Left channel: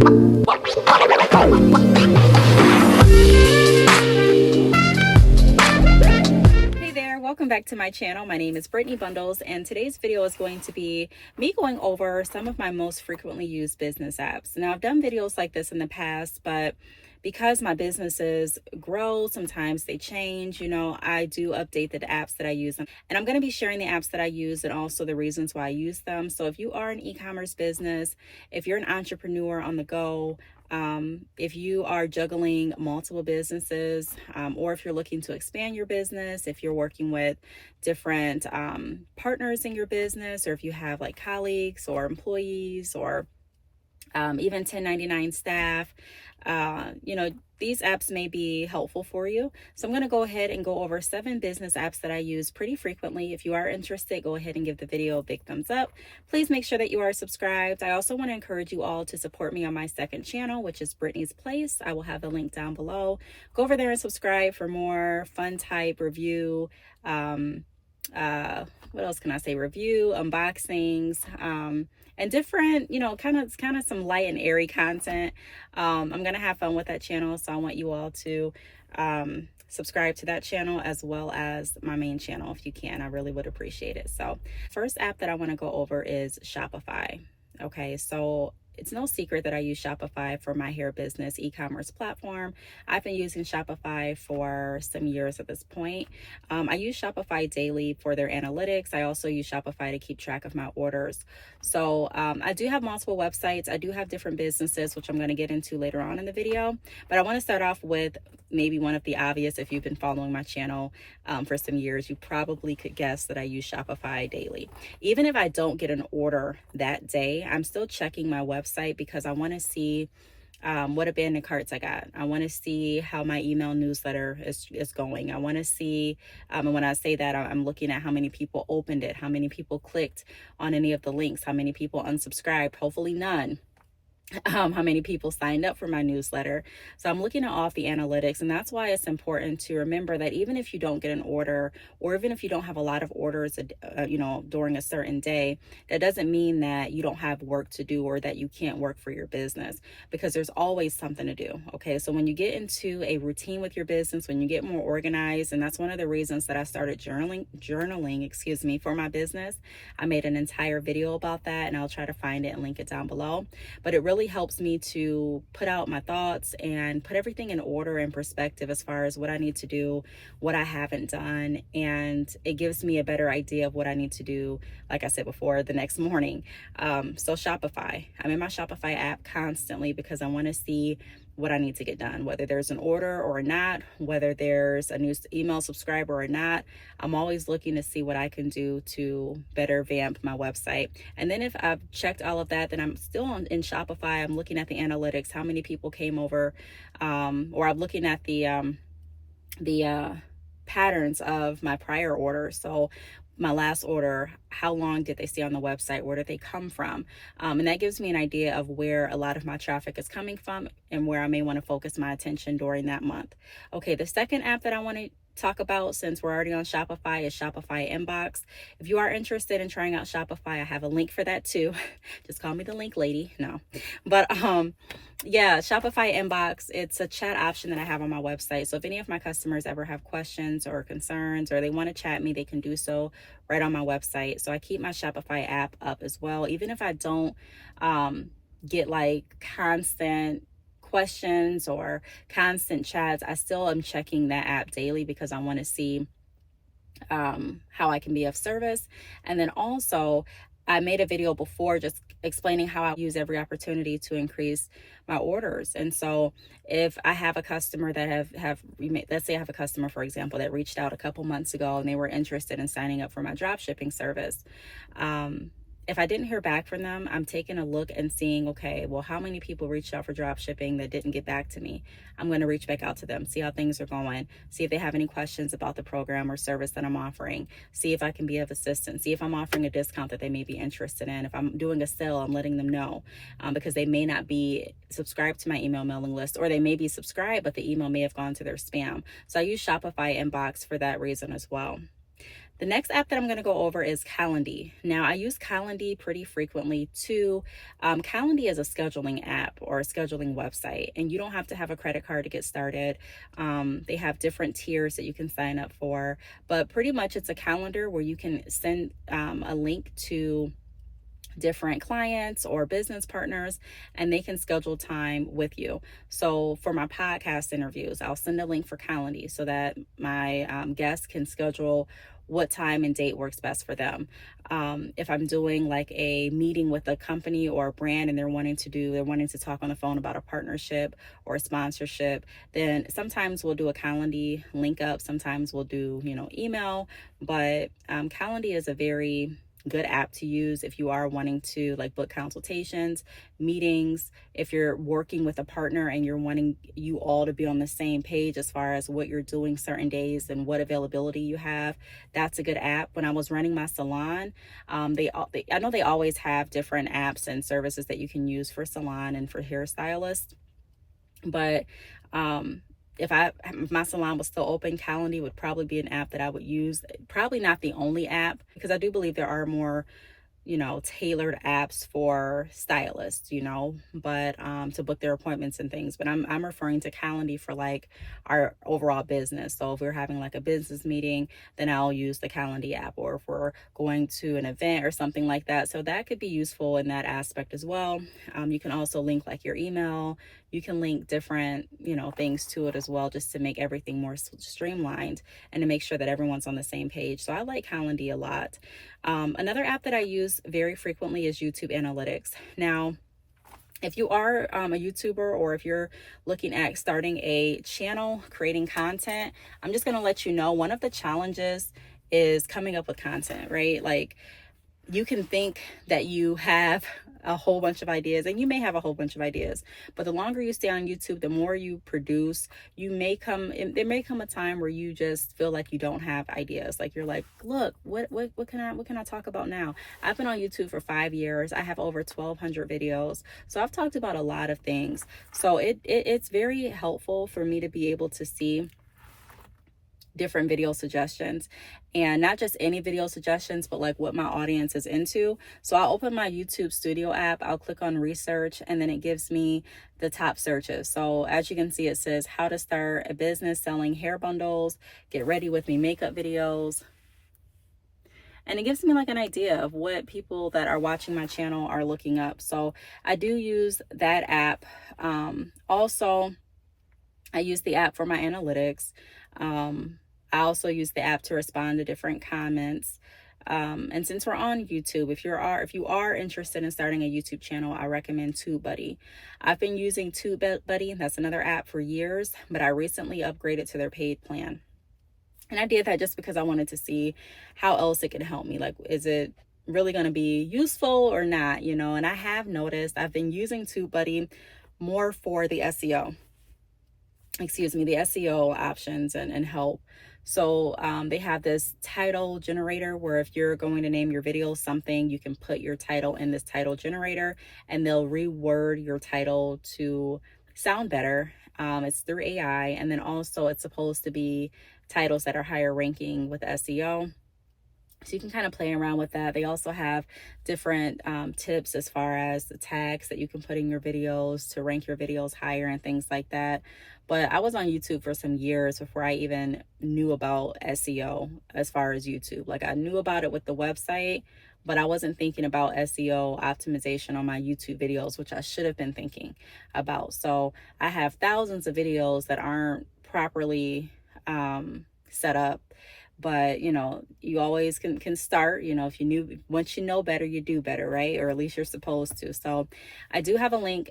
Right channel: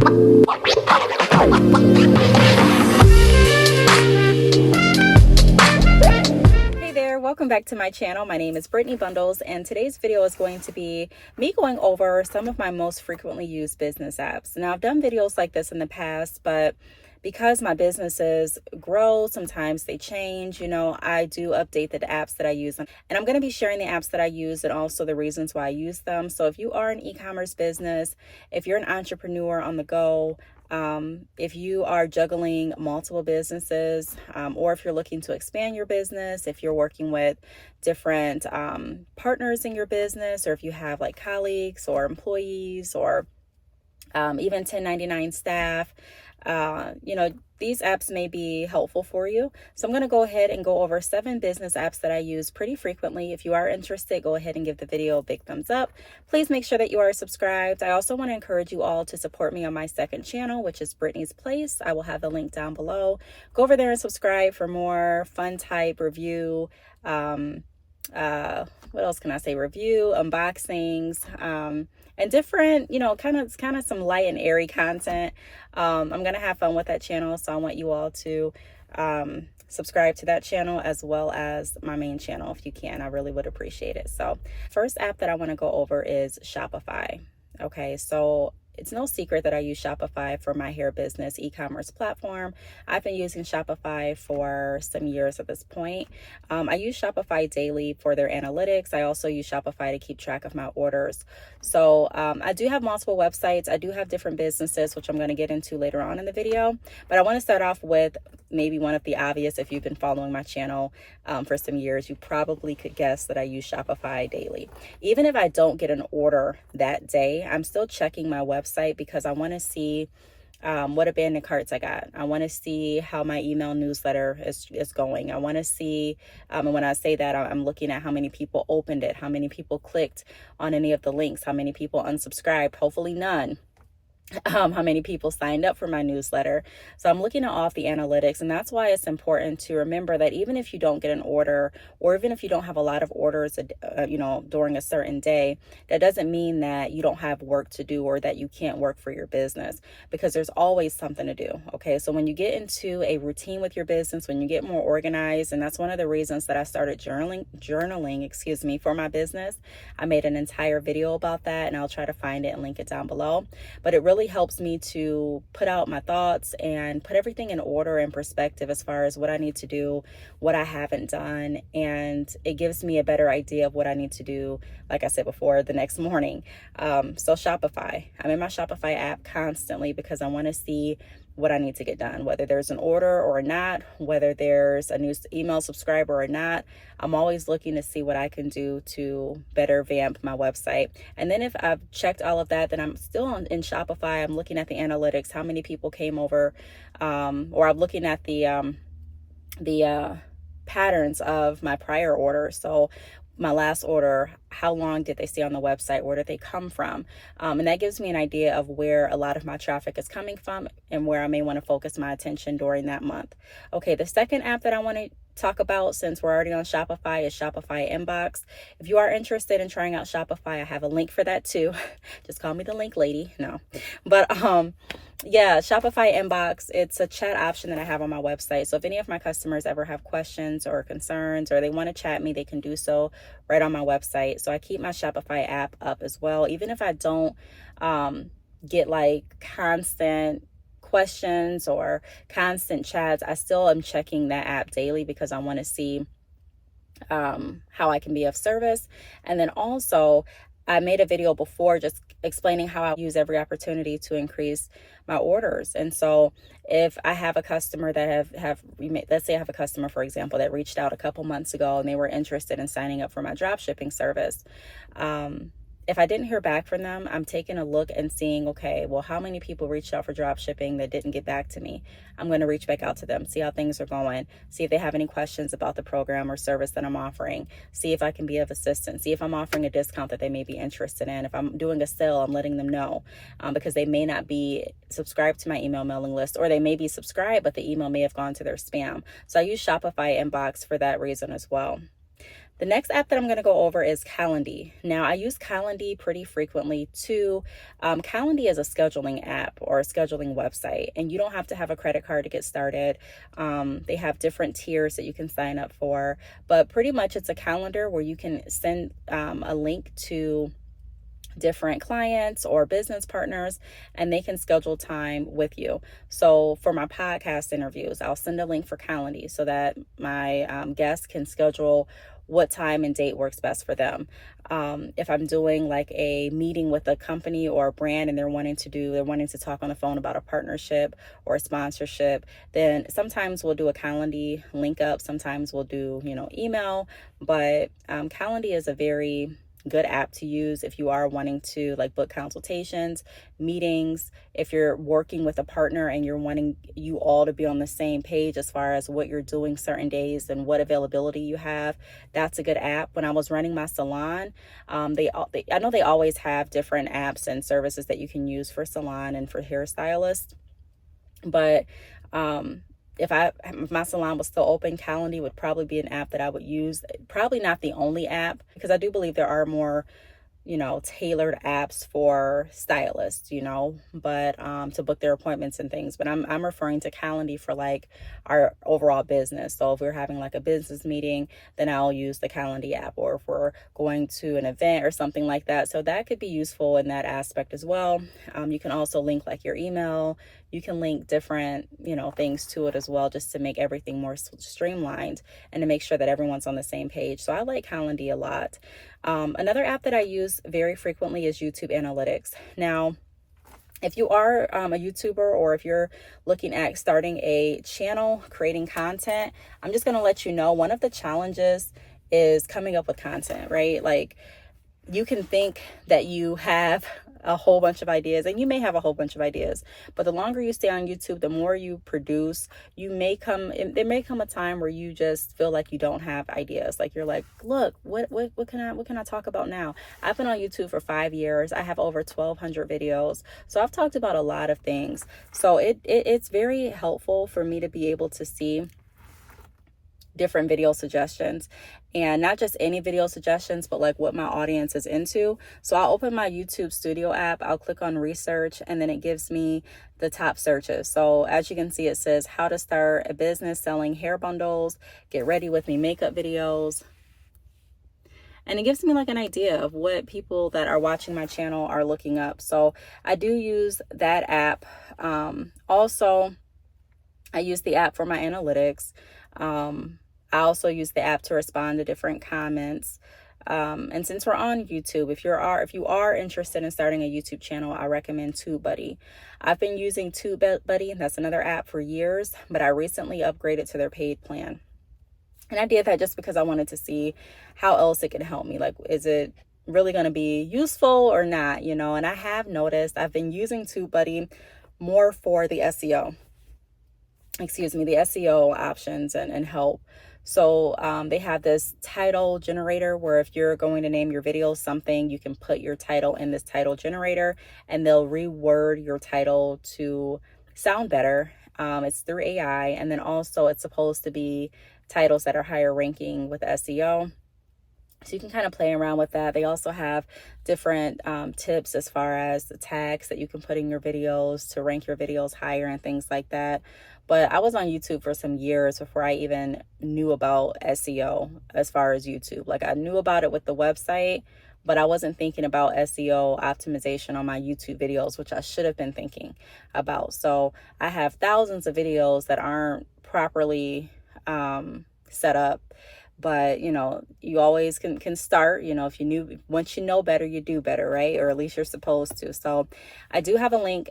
Hey there, welcome back to my channel. My name is Brittany Bundles, and today's video is going to be me going over some of my most frequently used business apps. Now, I've done videos like this in the past, but because my businesses grow, sometimes they change, I do update the apps that I use. And I'm going to be sharing the apps that I use and also the reasons why I use them. So if you are an e-commerce business, if you're an entrepreneur on the go, if you are juggling multiple businesses, or if you're looking to expand your business, if you're working with different partners in your business, or if you have like colleagues or employees or even 1099 staff, these apps may be helpful for you. So I'm going to go ahead and go over 7 business apps that I use pretty frequently. If you are interested, go ahead and give the video a big thumbs up. Please make sure that you are subscribed. I also want to encourage you all to support me on my second channel, which is Brittany's Place. I will have the link down below. Go over there and subscribe for more fun type review, what else can I say? Review, unboxings, and different, kind of some light and airy content. I'm going to have fun with that channel. So I want you all to subscribe to that channel as well as my main channel if you can. I really would appreciate it. So first app that I want to go over is Shopify. Okay, so it's no secret that I use Shopify for my hair business e-commerce platform. I've been using Shopify for some years at this point. I use Shopify daily for their analytics. I also use Shopify to keep track of my orders. So I do have multiple websites. I do have different businesses, which I'm going to get into later on in the video. But I want to start off with maybe one of the obvious. If you've been following my channel for some years, you probably could guess that I use Shopify daily. Even if I don't get an order that day, I'm still checking my website because I want to see what abandoned carts I got. I want to see how my email newsletter is going. I want to see, and when I say that, I'm looking at how many people opened it, how many people clicked on any of the links, how many people unsubscribed, hopefully none. How many people signed up for my newsletter. So I'm looking at all of the analytics, and that's why it's important to remember that even if you don't get an order, or even if you don't have a lot of orders, during a certain day, that doesn't mean that you don't have work to do or that you can't work for your business, because there's always something to do. Okay, so when you get into a routine with your business, when you get more organized, and that's one of the reasons that I started journaling, for my business. I made an entire video about that, and I'll try to find it and link it down below. But it really helps me to put out my thoughts and put everything in order and perspective as far as what I need to do, what I haven't done, and it gives me a better idea of what I need to do, like I said before, the next morning. So Shopify, I'm in my Shopify app constantly because I want to see what I need to get done, whether there's an order or not, whether there's a new email subscriber or not. I'm always looking to see what I can do to better vamp my website. And then if I've checked all of that, then I'm still in Shopify. I'm looking at the analytics, how many people came over, or I'm looking at the patterns of my prior orders. So my last order, how long did they stay on the website? Where did they come from? And that gives me an idea of where a lot of my traffic is coming from and where I may want to focus my attention during that month. Okay, the second app that I want to talk about, since we're already on Shopify, is Shopify Inbox. If you are interested in trying out Shopify, I have a link for that too. Just call me the link lady. No, but yeah, Shopify Inbox, it's a chat option that I have on my website. So if any of my customers ever have questions or concerns, or they want to chat me, they can do so right on my website. So I keep my Shopify app up as well. Even if I don't get like constant questions or constant chats, I still am checking that app daily because I want to see how I can be of service. And then also, I made a video before just explaining how I use every opportunity to increase my orders. And so if I have a customer that let's say I have a customer, for example, that reached out a couple months ago and they were interested in signing up for my drop shipping service. If I didn't hear back from them, I'm taking a look and seeing, okay, well, how many people reached out for drop shipping that didn't get back to me? I'm going to reach back out to them, see how things are going, see if they have any questions about the program or service that I'm offering, see if I can be of assistance, see if I'm offering a discount that they may be interested in. If I'm doing a sale, I'm letting them know because they may not be subscribed to my email mailing list, or they may be subscribed, but the email may have gone to their spam. So I use Shopify Inbox for that reason as well. The next app that I'm going to go over is Calendly. Now, I use Calendly pretty frequently too. Calendly is a scheduling app or a scheduling website, and you don't have to have a credit card to get started. They have different tiers that you can sign up for, but pretty much it's a calendar where you can send a link to different clients or business partners, and they can schedule time with you. So for my podcast interviews, I'll send a link for Calendly so that my guests can schedule what time and date works best for them. If I'm doing like a meeting with a company or a brand and they're wanting to talk on the phone about a partnership or a sponsorship, then sometimes we'll do a Calendly link up. Sometimes we'll do, email, but Calendly is a very good app to use if you are wanting to like book consultations, meetings, if you're working with a partner and you're wanting you all to be on the same page as far as what you're doing certain days and what availability you have. That's a good app. When I was running my salon, I know they always have different apps and services that you can use for salon and for hairstylists, but if my salon was still open, Calendly would probably be an app that I would use. Probably not the only app, because I do believe there are more, tailored apps for stylists, but to book their appointments and things. But I'm referring to Calendly for like our overall business. So if we're having like a business meeting, then I'll use the Calendly app, or if we're going to an event or something like that. So that could be useful in that aspect as well. You can also link like your email. You can link different, things to it as well, just to make everything more streamlined and to make sure that everyone's on the same page. So I like Calendly a lot. Another app that I use very frequently is YouTube Analytics. Now, if you are a YouTuber, or if you're looking at starting a channel, creating content, I'm just going to let you know one of the challenges is coming up with content, right? Like, you can think that you have a whole bunch of ideas, and you may have a whole bunch of ideas, but the longer you stay on YouTube, the more you produce, there may come a time where you just feel like you don't have ideas. Like, you're like, look, what can I talk about now? I've been on YouTube for 5 years. I have over 1,200 videos. So I've talked about a lot of things. So it's very helpful for me to be able to see different video suggestions, and not just any video suggestions, but like what my audience is into. So I'll open my YouTube Studio app, I'll click on research, and then it gives me the top searches. So as you can see, it says how to start a business selling hair bundles, get ready with me makeup videos. And it gives me like an idea of what people that are watching my channel are looking up. So I do use that app. Also, I use the app for my analytics. I also use the app to respond to different comments. And since we're on YouTube, if you are interested in starting a YouTube channel, I recommend TubeBuddy. I've been using TubeBuddy, that's another app, for years, but I recently upgraded to their paid plan. And I did that just because I wanted to see how else it can help me. Like, is it really going to be useful or not? And I have noticed I've been using TubeBuddy more for the SEO. The SEO options and help. So they have this title generator where if you're going to name your video something, you can put your title in this title generator and they'll reword your title to sound better. It's through AI, and then also it's supposed to be titles that are higher ranking with SEO. So you can kind of play around with that. They also have different tips as far as the tags that you can put in your videos to rank your videos higher and things like that. But I was on YouTube for some years before I even knew about SEO as far as YouTube. Like, I knew about it with the website, but I wasn't thinking about SEO optimization on my YouTube videos, which I should have been thinking about. So I have thousands of videos that aren't properly set up. But, you always can start, once you know better, you do better, right? Or at least you're supposed to. So I do have a link.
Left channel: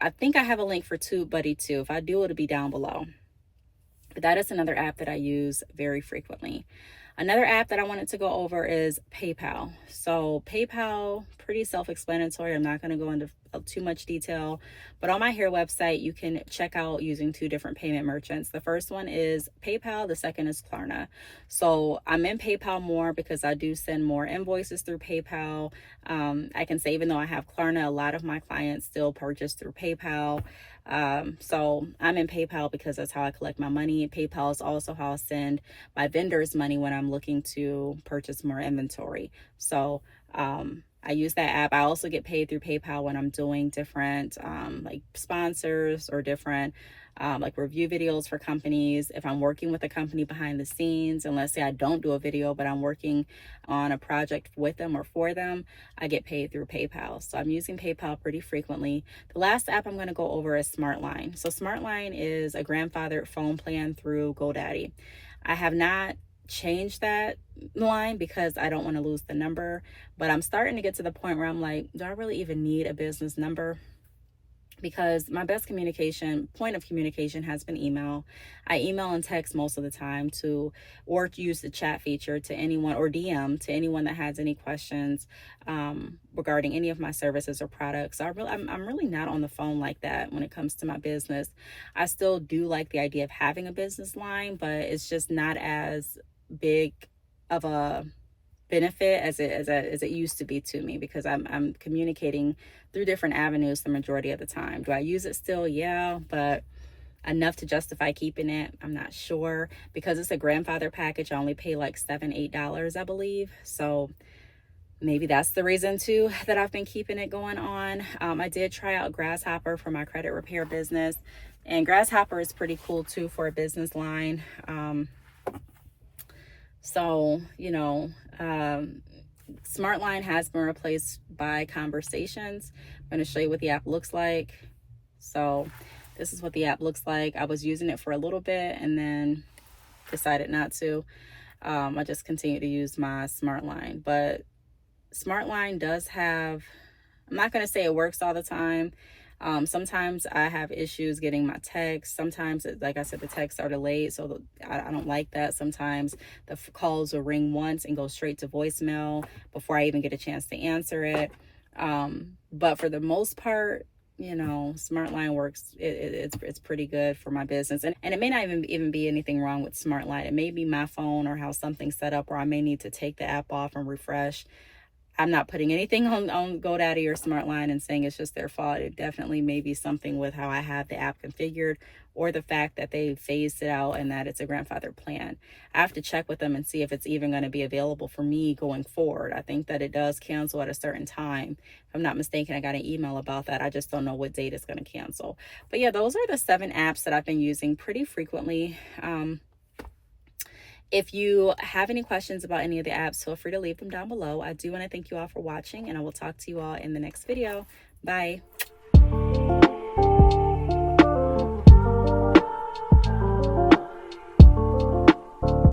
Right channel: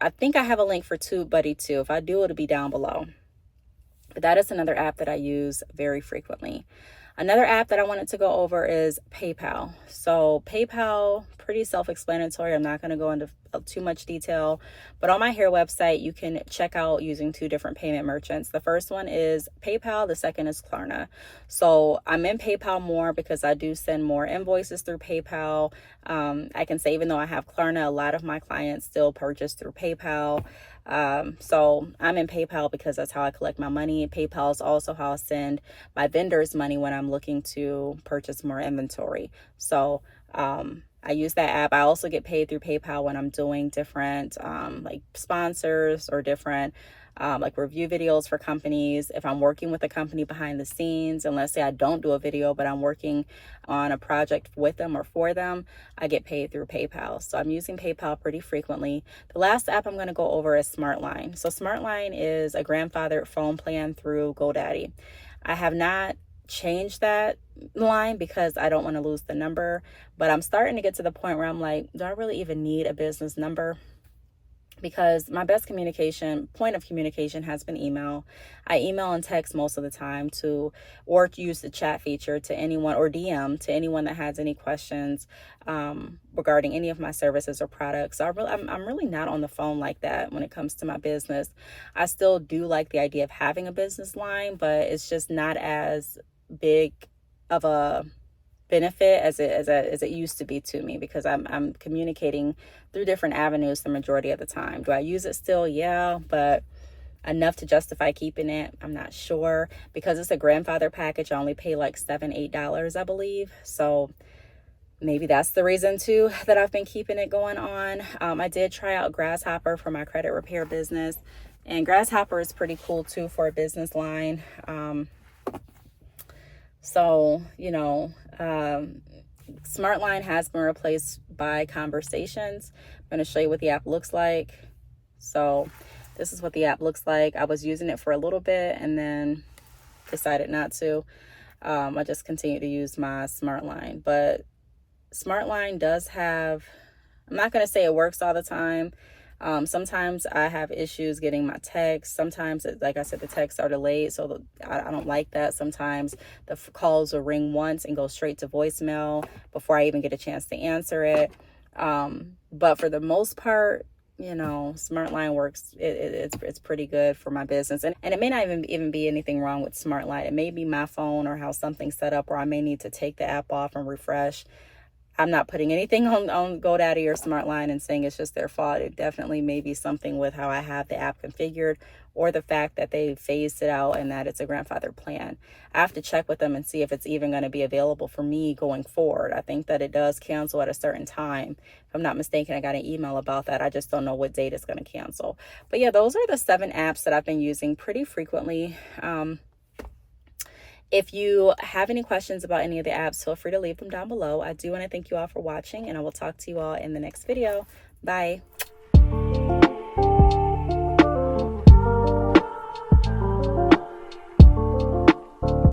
I think I have a link for TubeBuddy too. If I do, it'll be down below. But that is another app that I use very frequently. Another app that I wanted to go over is PayPal. So PayPal, pretty self-explanatory. I'm not going to go too much detail. But on my hair website, you can check out using 2 different payment merchants. The first one is PayPal, the second is Klarna. So I'm in PayPal more because I do send more invoices through PayPal. I can say, even though I have Klarna, a lot of my clients still purchase through PayPal. So I'm in PayPal because that's how I collect my money. PayPal is also how I send my vendors money when I'm looking to purchase more inventory. So I use that app. I also get paid through PayPal when I'm doing different like sponsors or different like review videos for companies. If I'm working with a company behind the scenes, and let's say I don't do a video, but I'm working on a project with them or for them, I get paid through PayPal. So I'm using PayPal pretty frequently. The last app I'm going to go over is SmartLine. So SmartLine is a grandfathered phone plan through GoDaddy. I have not changed that line because I don't want to lose the number, but I'm starting to get to the point where I'm like, do I really even need a business number? Because my best point of communication has been email. I email and text most of the time or use the chat feature to anyone, or DM to anyone that has any questions regarding any of my services or products. So I'm really not on the phone like that when it comes to my business. I still do like the idea of having a business line, but it's just not as big of a benefit as it used to be to me, because I'm communicating through different avenues the majority of the time. Do I use it still? Yeah, but enough to justify keeping it, I'm not sure. Because it's a grandfather package, I only pay like $7-8, I believe. So maybe that's the reason too that I've been keeping it going on. I did try out Grasshopper for my credit repair business, and Grasshopper is pretty cool too for a business line. So, SmartLine has been replaced by Conversations. I'm going to show you what the app looks like. So this is what the app looks like. I was using it for a little bit and then decided not to. I just continue to use my SmartLine. But SmartLine does have, I'm not going to say it works all the time. Sometimes I have issues getting my texts. Sometimes, like I said, the texts are delayed, so I don't like that. Sometimes the calls will ring once and go straight to voicemail before I even get a chance to answer it. But for the most part, SmartLine works. It's pretty good for my business, and it may not even be anything wrong with SmartLine. It may be my phone or how something's set up, or I may need to take the app off and refresh. I'm not putting anything on GoDaddy or SmartLine and saying it's just their fault. It definitely may be something with how I have the app configured, or the fact that they phased it out and that it's a grandfather plan. I have to check with them and see if it's even going to be available for me going forward. I think that it does cancel at a certain time. If I'm not mistaken, I got an email about that. I just don't know what date it's going to cancel. But yeah, those are the 7 apps that I've been using pretty frequently. If you have any questions about any of the apps, feel free to leave them down below. I do want to thank you all for watching, and I will talk to you all in the next video. Bye.